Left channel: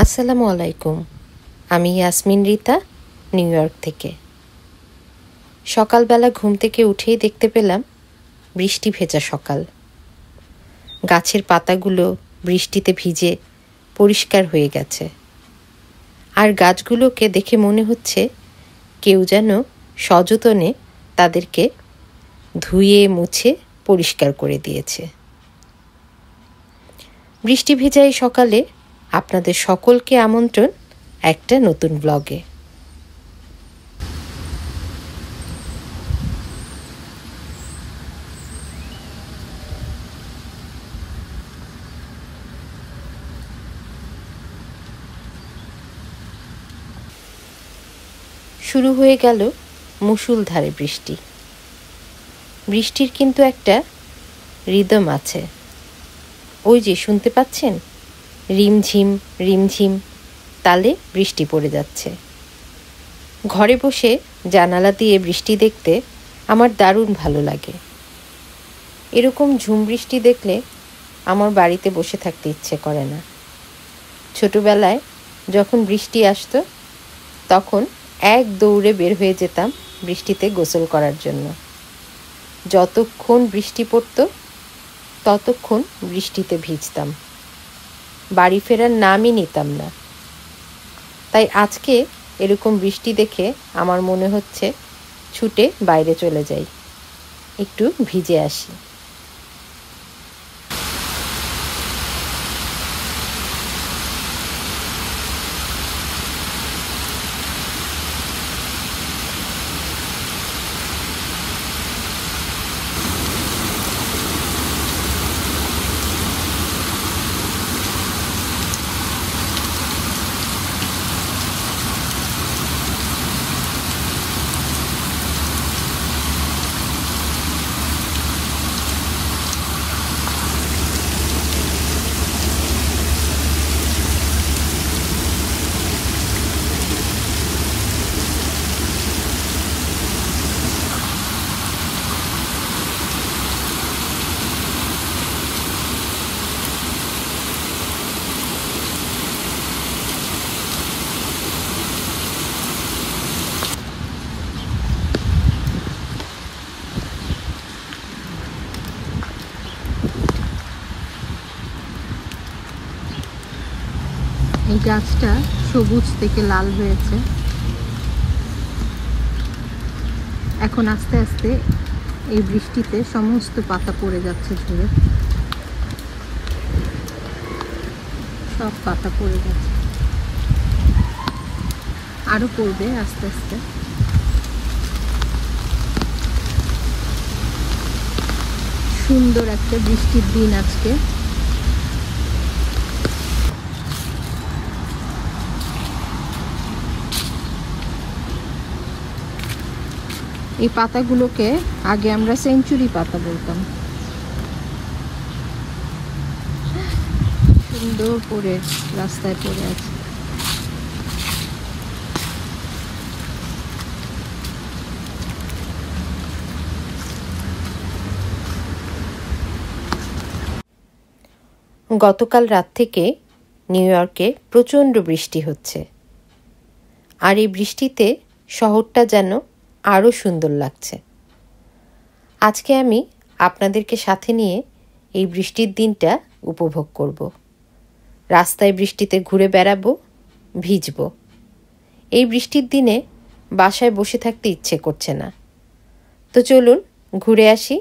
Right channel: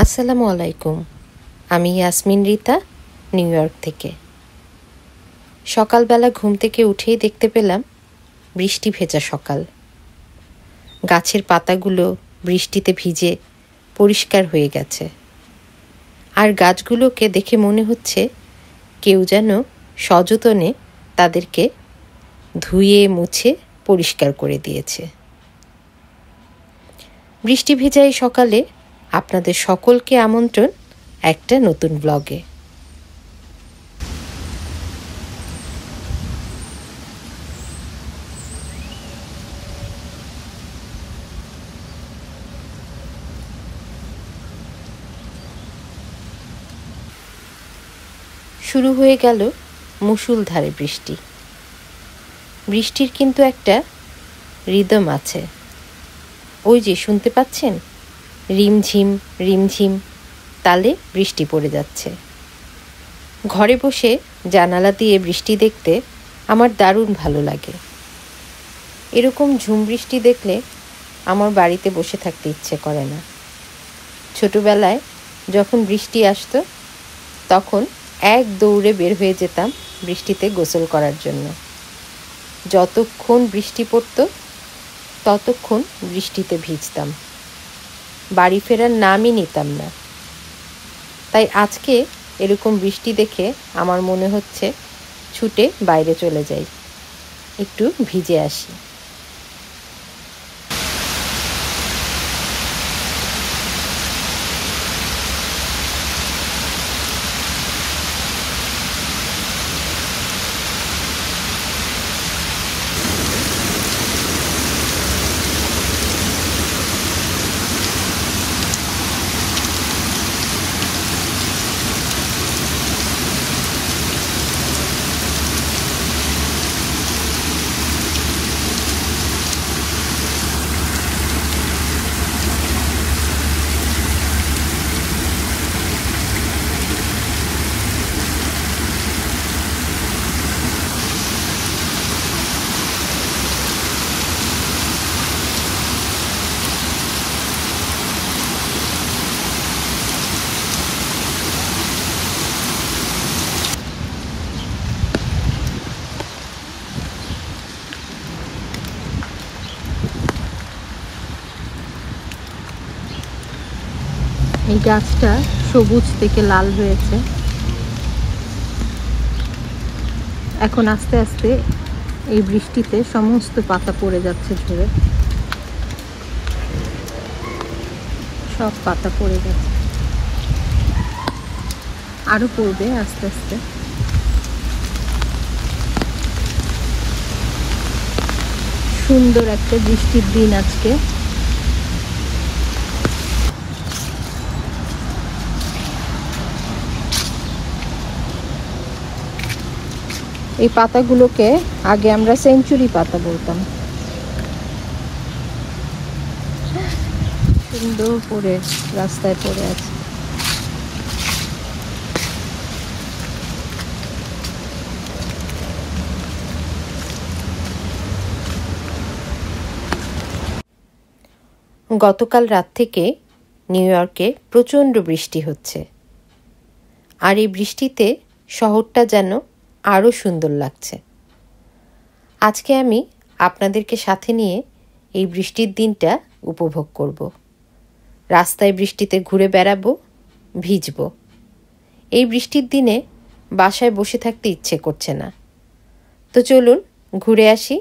আসসালামু আলাইকুম। আমি ইয়াসমিন রিতা, নিউ ইয়র্ক থেকে। সকালবেলা ঘুম থেকে উঠেই দেখতে পেলাম বৃষ্টি ভেজা সকাল। গাছের পাতাগুলো বৃষ্টিতে ভিজে পরিষ্কার হয়ে গেছে, আর গাছগুলোকে দেখে মনে হচ্ছে কেউ যেন সযতনে তাদেরকে ধুয়ে মুছে পরিষ্কার করে দিয়েছে। বৃষ্টি ভেজা এই সকালে আপনাদের সকলকে আমন্ত্রণ একটা নতুন ব্লগে। শুরু হয়ে গেল মুষলধারে বৃষ্টি। বৃষ্টির কিন্তু একটা রিদম আছে। ওই যে শুনতে পাচ্ছেন, রিমঝিম রিমঝিম তালে বৃষ্টি পড়ে যাচ্ছে। ঘরে বসে জানালা দিয়ে বৃষ্টি দেখতে আমার দারুণ ভালো লাগে। এরকম ঝুম বৃষ্টি দেখলে আমার বাড়িতে বসে থাকতে ইচ্ছে করে না। ছোটবেলায় যখন বৃষ্টি আসতো তখন এক দৌড়ে বের হয়ে যেতাম বৃষ্টিতে গোসল করার জন্য। যতক্ষণ বৃষ্টি পড়তো ততক্ষণ বৃষ্টিতে ভিজতাম, বাড়ি ফেরার নামই নিতাম না। তাই আজকে এরকম বৃষ্টি দেখে আমার মনে হচ্ছে ছুটে বাইরে চলে যাই, একটু ভিজে আসি। এই গাছটা সবুজ থেকে লাল হয়েছে। এখন আস্তে আস্তে এই বৃষ্টিতে সমস্ত পাতা পড়ে যাচ্ছে ঝরে, সব পাতা পড়ে গেছে, আরো পড়বে আস্তে আস্তে। সুন্দর একটা বৃষ্টির দিন আজকে। এই পাতাগুলোকে আগে আমরা সেঞ্চুরি পাতা বলতাম। সুন্দর করে রাস্তায় পড়ে আছে। গতকাল রাত থেকে নিউ ইয়র্কে প্রচণ্ড বৃষ্টি হচ্ছে, আর এই বৃষ্টিতে শহরটা যেন আরও সুন্দর লাগছে। আজকে আমি আপনাদেরকে সাথে নিয়ে এই বৃষ্টির দিনটা উপভোগ করব। রাস্তায় বৃষ্টিতে ঘুরে বেড়াবো, ভিজবো। এই বৃষ্টির দিনে বাসায় বসে থাকতে ইচ্ছে করছে না, তো চলুন ঘুরে আসি।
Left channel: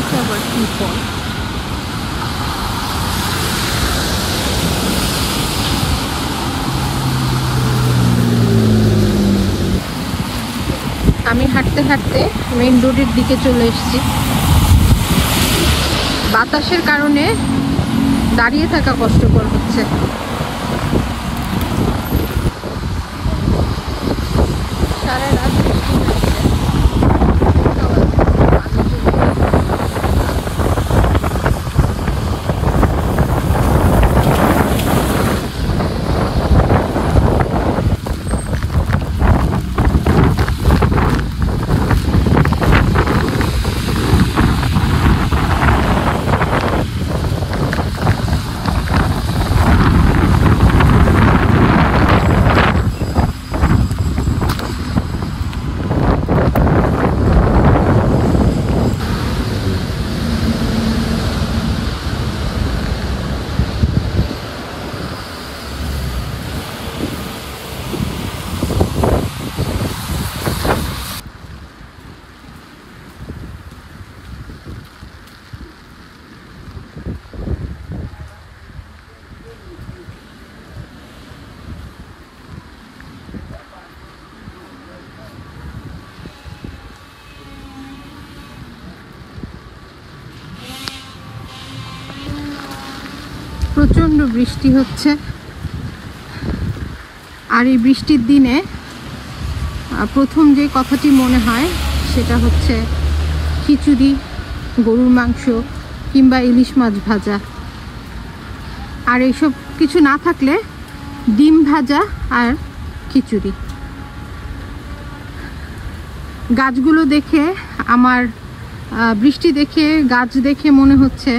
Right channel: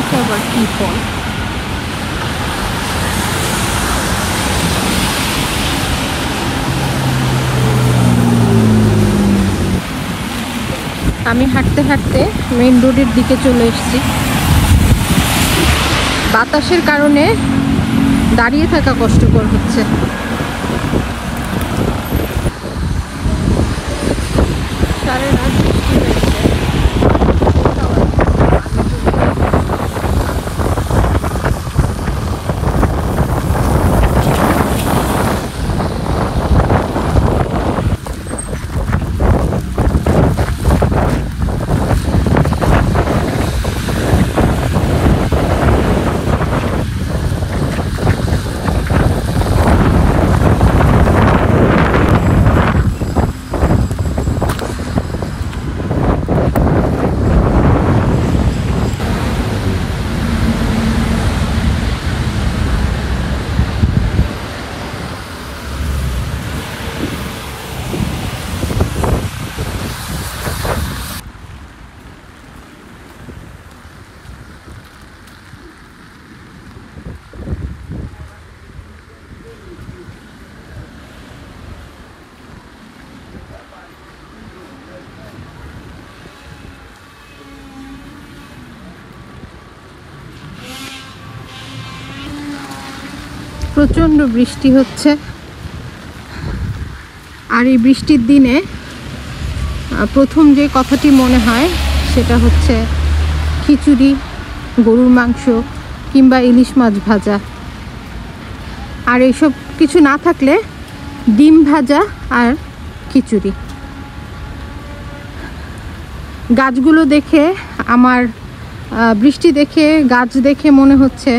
এটা আবার কি ফল? আমি হাঁটতে হাঁটতে মেইন রোডের দিকে চলে এসেছি। বাতাসের কারণে দাঁড়িয়ে থাকা কষ্টকর হচ্ছে। সারা রাত বৃষ্টি হয়েছে। প্রচণ্ড বৃষ্টি হচ্ছে, আর এই বৃষ্টির দিনে প্রথম যে কথাটি মনে হয় সেটা হচ্ছে খিচুড়ি, গরুর মাংস কিংবা ইলিশ মাছ ভাজা। আর এইসব কিছু না থাকলে ডিম ভাজা আর খিচুড়ি। গাছগুলো দেখে আমার, বৃষ্টি দেখে গাছ দেখে মনে হচ্ছে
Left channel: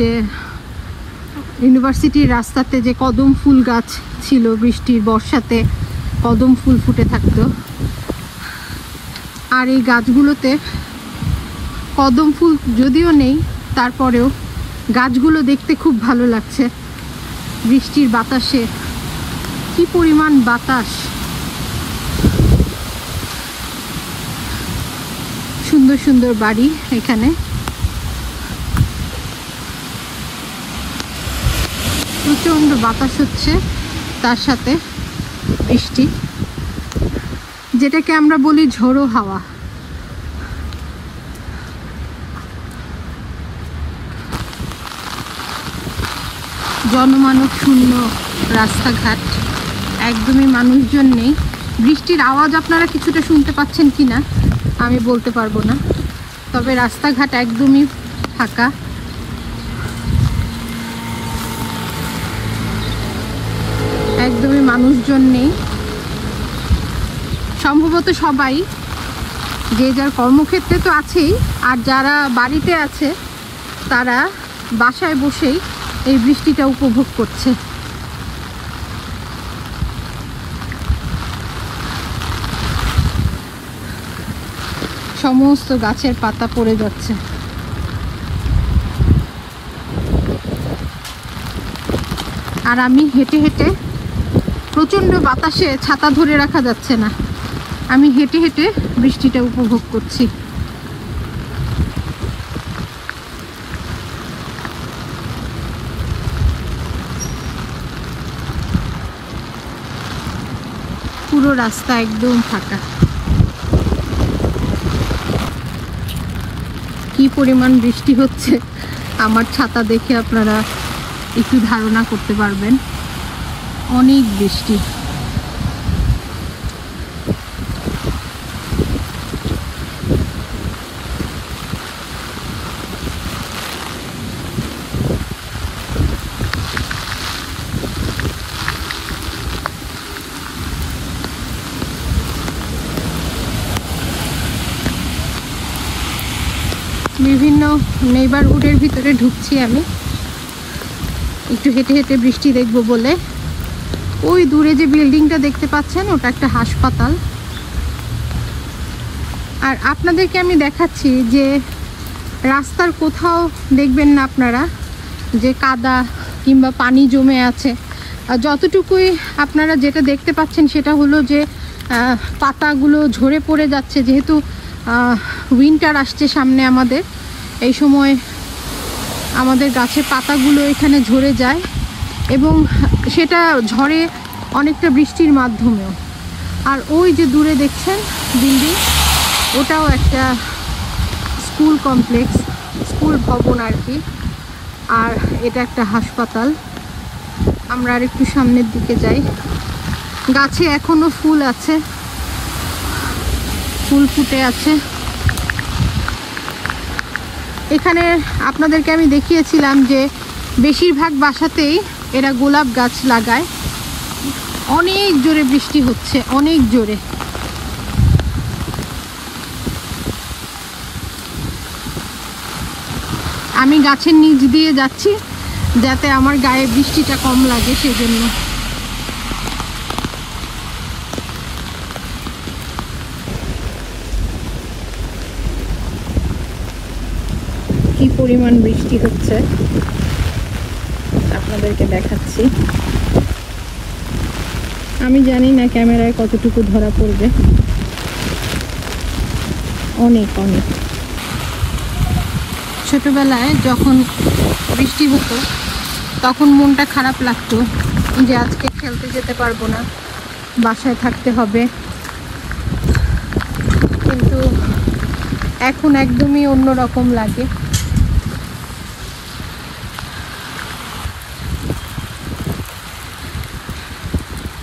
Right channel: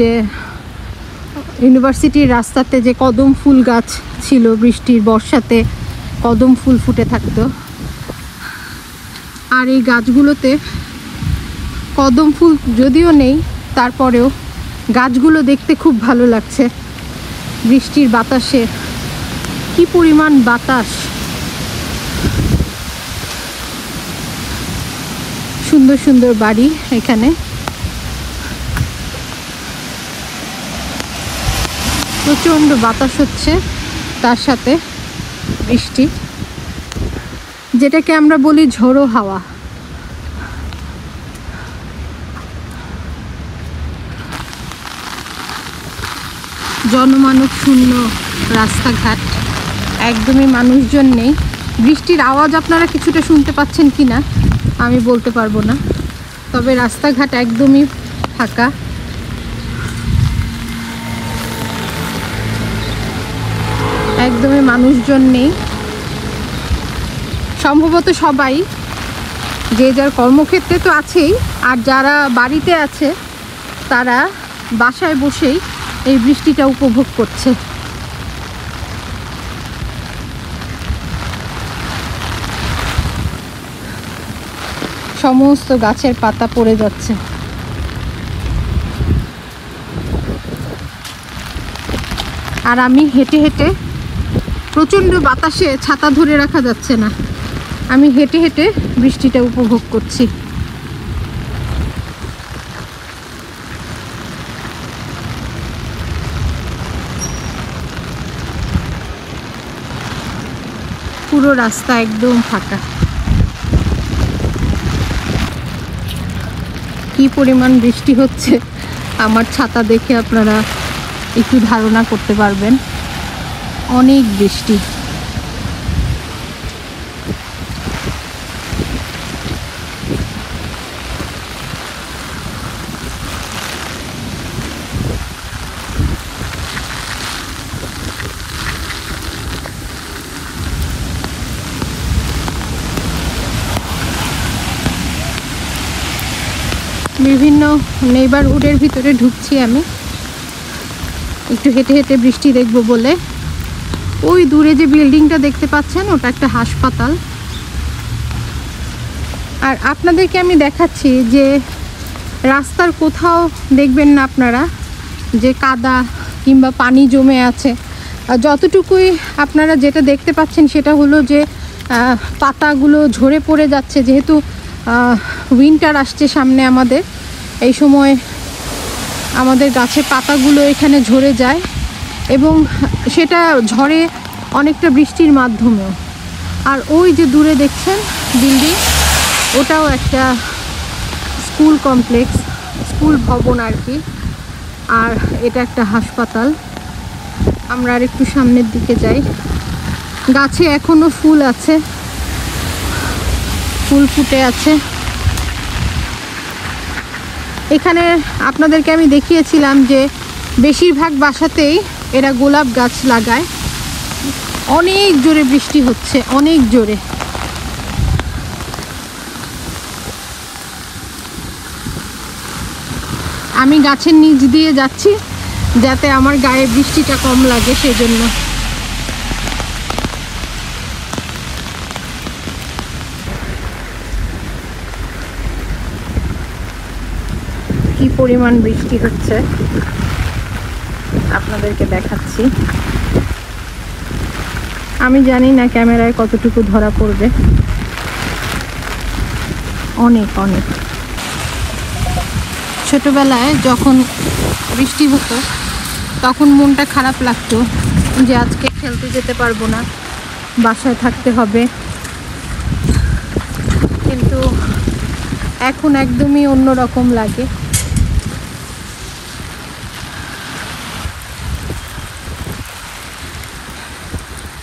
যে ইউনিভার্সিটির রাস্তাতে যে কদম ফুল গাছ ছিল, বৃষ্টির বর্ষাতে কদম ফুল ফুটে থাকতো। আর এই গাছগুলোতে কদম ফুল যদিও নেই, তারপরেও গাছগুলো দেখতে খুব ভালো লাগছে। বৃষ্টির বাতাসে কি পরিমাণ বাতাস! সুন্দর সুন্দর বাড়ি এখানে। প্রচণ্ড বাতাস হচ্ছে, তার সাথে বৃষ্টি, যেটাকে আমরা বলি ঝোড়ো হাওয়া। জনমানব শূন্য রাস্তাঘাট, একদমই মানুষজন নেই। বৃষ্টির আওয়াজ আপনারা কিছুটা শুনতে পাচ্ছেন কিনা আমি বলতে পারবো না, তবে রাস্তাঘাট একদমই ফাঁকা। একদমই মানুষজন নেই। সম্ভবত সবাই যে যার কর্মক্ষেত্রে তো আছেই, আর যারা বাড়িতে আছে তারা বাসায় বসেই এই বৃষ্টিটা উপভোগ করছে। সমস্ত গাছের পাতা পড়ে যাচ্ছে। আর আমি হেঁটে হেঁটে, প্রচণ্ড বাতাসে ছাতা ধরে রাখা যাচ্ছে না, আমি হেঁটে হেঁটে বৃষ্টিটা উপভোগ করছি। পুরো রাস্তা একদম ফাঁকা। কি পরিমাণ বৃষ্টি হচ্ছে আমার ছাতা দেখে আপনারা একটু ধারণা করতে পারবেন। অনেক বৃষ্টি। বিভিন্ন নেইবারহুডের ভিতরে ঢুকছি আমি একটু হেঁটে হেঁটে বৃষ্টি দেখব বলে। ওই দূরে যে বিল্ডিংটা দেখতে পাচ্ছেন ওটা একটা হাসপাতাল। আর আপনাদেরকে আমি দেখাচ্ছি যে রাস্তার কোথাও দেখবেন না আপনারা যে কাদা কিংবা পানি জমে আছে। যতটুকুই আপনারা যেটা দেখতে পাচ্ছেন সেটা হলো যে পাতাগুলো ঝরে পড়ে যাচ্ছে, যেহেতু উইন্টার আসছে সামনে আমাদের, এই সময় আমাদের গাছের পাতাগুলো এখানে ঝরে যায় এবং সেটা ঝরে অনেকটা বৃষ্টির মাধ্যমেও। আর ওই যে দূরে দেখছেন বিল্ডিং, ওটাও একটা স্কুল কমপ্লেক্স, স্কুল ভবন আর কি। আর এটা একটা হাসপাতাল। আমরা আর একটু সামনের দিকে যাই। গাছে এখনো ফুল আছে, ফুল ফুটে আছে। এখানে আপনাদেরকে আমি দেখিয়েছিলাম যে বেশিরভাগ বাসাতেই এরা গোলাপ গাছ লাগায়। অনেক জোরে বৃষ্টি হচ্ছে, অনেক জোরে। আমি গাছের নিচ দিয়ে যাচ্ছি যাতে আমার গায়ে বৃষ্টিটা কম লাগে, সেজন্য। কি পরিমাণ বৃষ্টি হচ্ছে আপনাদেরকে দেখাচ্ছি। আমি জানি না ক্যামেরায় কতটুকু ধরা পড়বে। অনেক অনেক। ছোটবেলায় যখন বৃষ্টি হতো তখন মনটা খারাপ লাগতো যে আজকে খেলতে যেতে পারবো না, বাসায় থাকতে হবে। কিন্তু এখন একদমই অন্যরকম লাগে।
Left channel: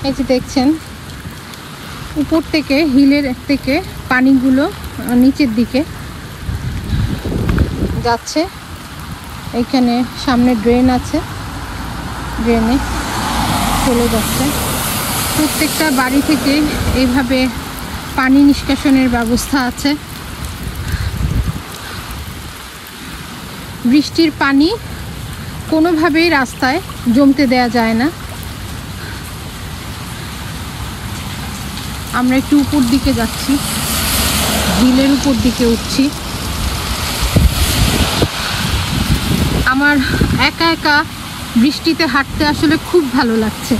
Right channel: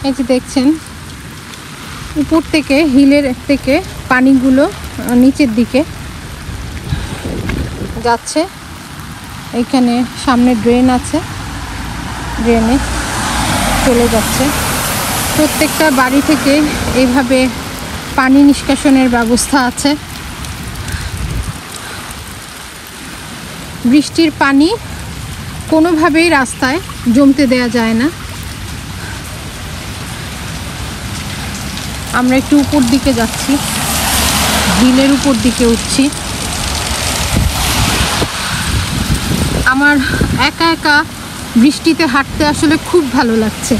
এই যে দেখছেন উপর থেকে, হিলের থেকে পানিগুলো নিচের দিকে যাচ্ছে। এখানে সামনে ড্রেন আছে, ড্রেনে চলে যাচ্ছে। প্রত্যেকটা বাড়ি থেকে এইভাবে পানি নিষ্কাশনের ব্যবস্থা আছে। বৃষ্টির পানি কোনোভাবেই রাস্তায় জমতে দেয়া যায় না। আমরা একটু উপর দিকে যাচ্ছি, হিলের উপর দিকে উঠছি। আমার একা একা বৃষ্টিতে হাঁটতে আসলে খুব ভালো লাগছে।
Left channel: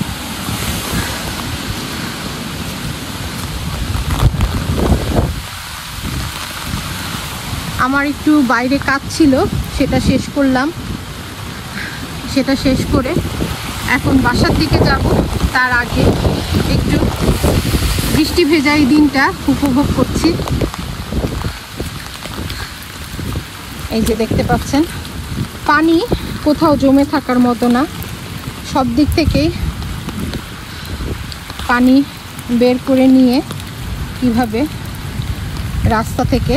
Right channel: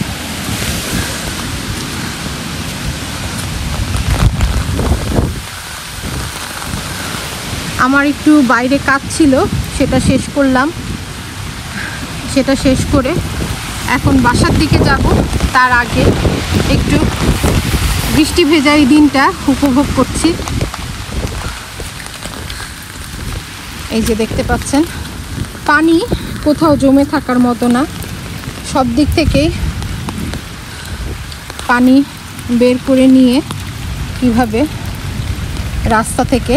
আমার একটু বাইরে কাজ ছিল, সেটা শেষ করলাম। সেটা শেষ করে এখন বাসার দিকে যাব। তার আগে একটু বৃষ্টি ভেজা এই দিনটা উপভোগ করছি। এই যে দেখতে পাচ্ছেন পানি কোথাও জমে থাকার মতো না, সব দিক থেকে পানি বের করে নিয়ে কিভাবে রাস্তা থেকে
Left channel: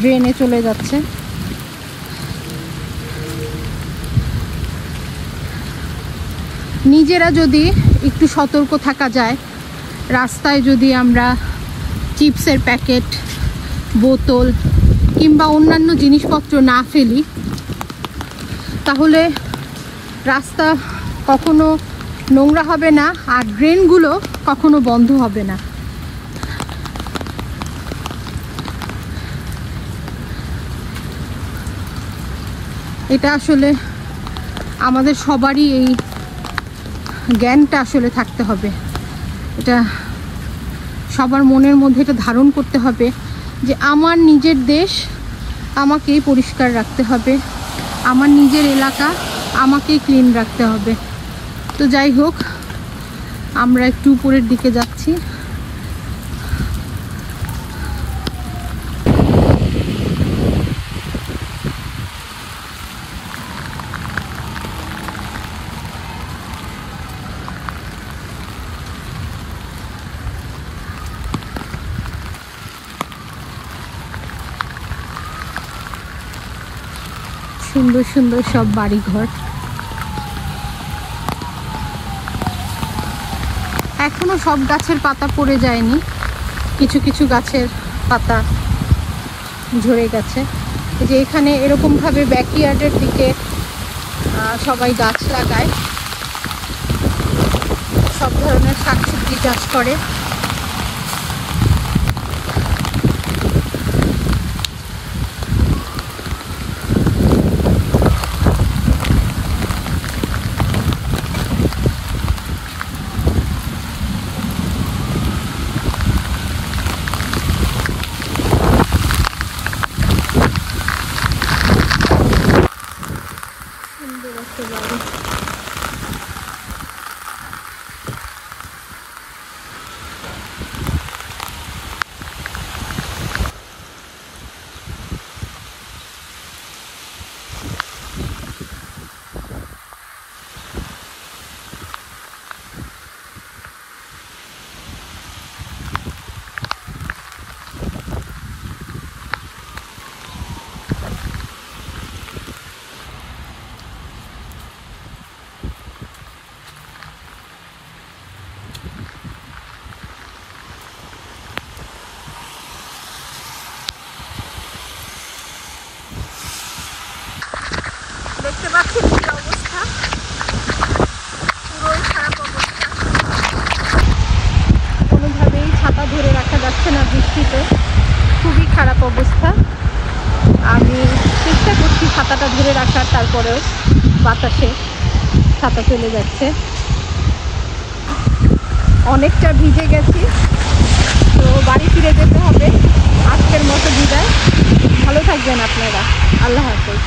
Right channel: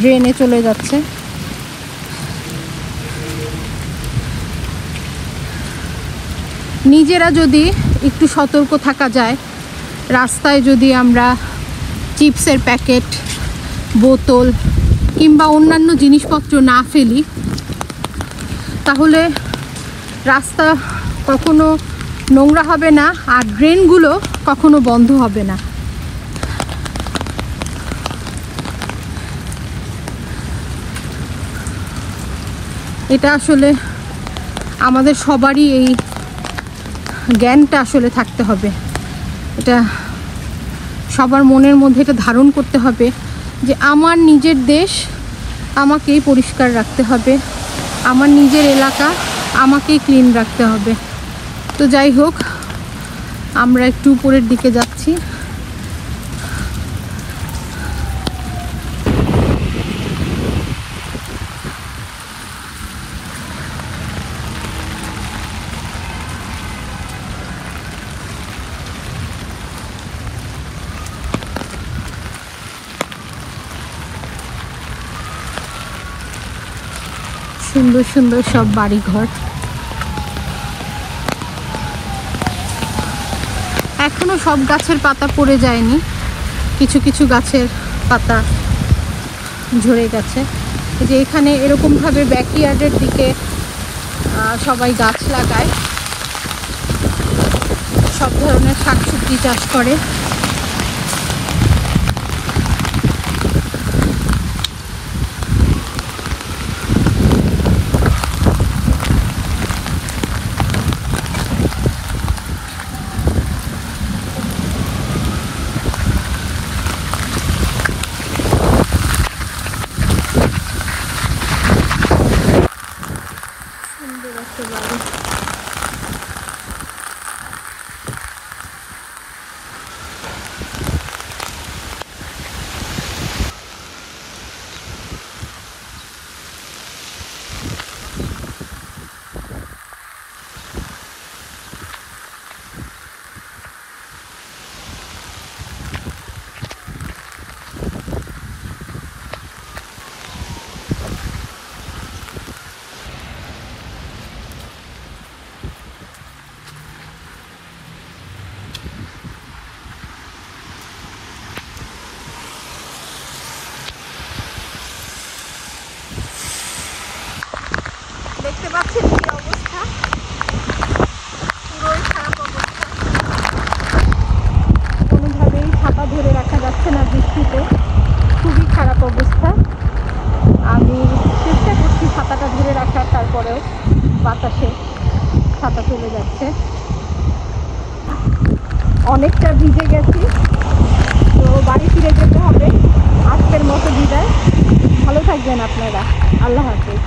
ড্রেনে চলে যাচ্ছে। নিজেরা যদি একটু সতর্ক থাকা যায়, রাস্তায় যদি আমরা চিপসের প্যাকেট, বোতল কিংবা অন্যান্য জিনিসপত্র না ফেলি, তাহলে রাস্তা কখনো নোংরা হবে না আর ড্রেনগুলো কখনো বন্ধ হবে না। এটা আসলে আমাদের সবারই এই জ্ঞানটা আসলে থাকতে হবে। এটা সবার মনের মধ্যে এটা ধারণ করতে হবে যে আমার নিজের দেশ আমাকেই পরিষ্কার রাখতে হবে, আমার নিজের এলাকা আমাকেই ক্লিন রাখতে হবে। তো যাই হোক, আমরা একটু উপরের দিকে যাচ্ছি। সুন্দর সুন্দর সব বাড়িঘর। এখনো সব গাছের পাতা পড়ে যায়নি, কিছু কিছু গাছের পাতা ঝরে গেছে। যে এখানে এরকমভাবে ব্যাকইয়ার্ডের দিকে সবাই গাছ লাগায়, সব ধরনের শাকসবজি চাষ করে। পাচ্ছেন কি অবস্থা, পুরোই খারাপ অবস্থা। কোনোভাবেই ছাতা ধরে রাখা যাচ্ছে না বৃষ্টিতে, খুবই খারাপ অবস্থা। আমি চেষ্টা করছি ছাতাটা ধরে রাখার, তারপরেও বাতাসে ছাতা চলে যাচ্ছে। অনেকটা ভিজে গেছি, তো বাড়ি ফিরে যেতে হবে। আজকের মতো বিদায়, ভালো থাকবেন আপনারা, আল্লাহ হাফেজ।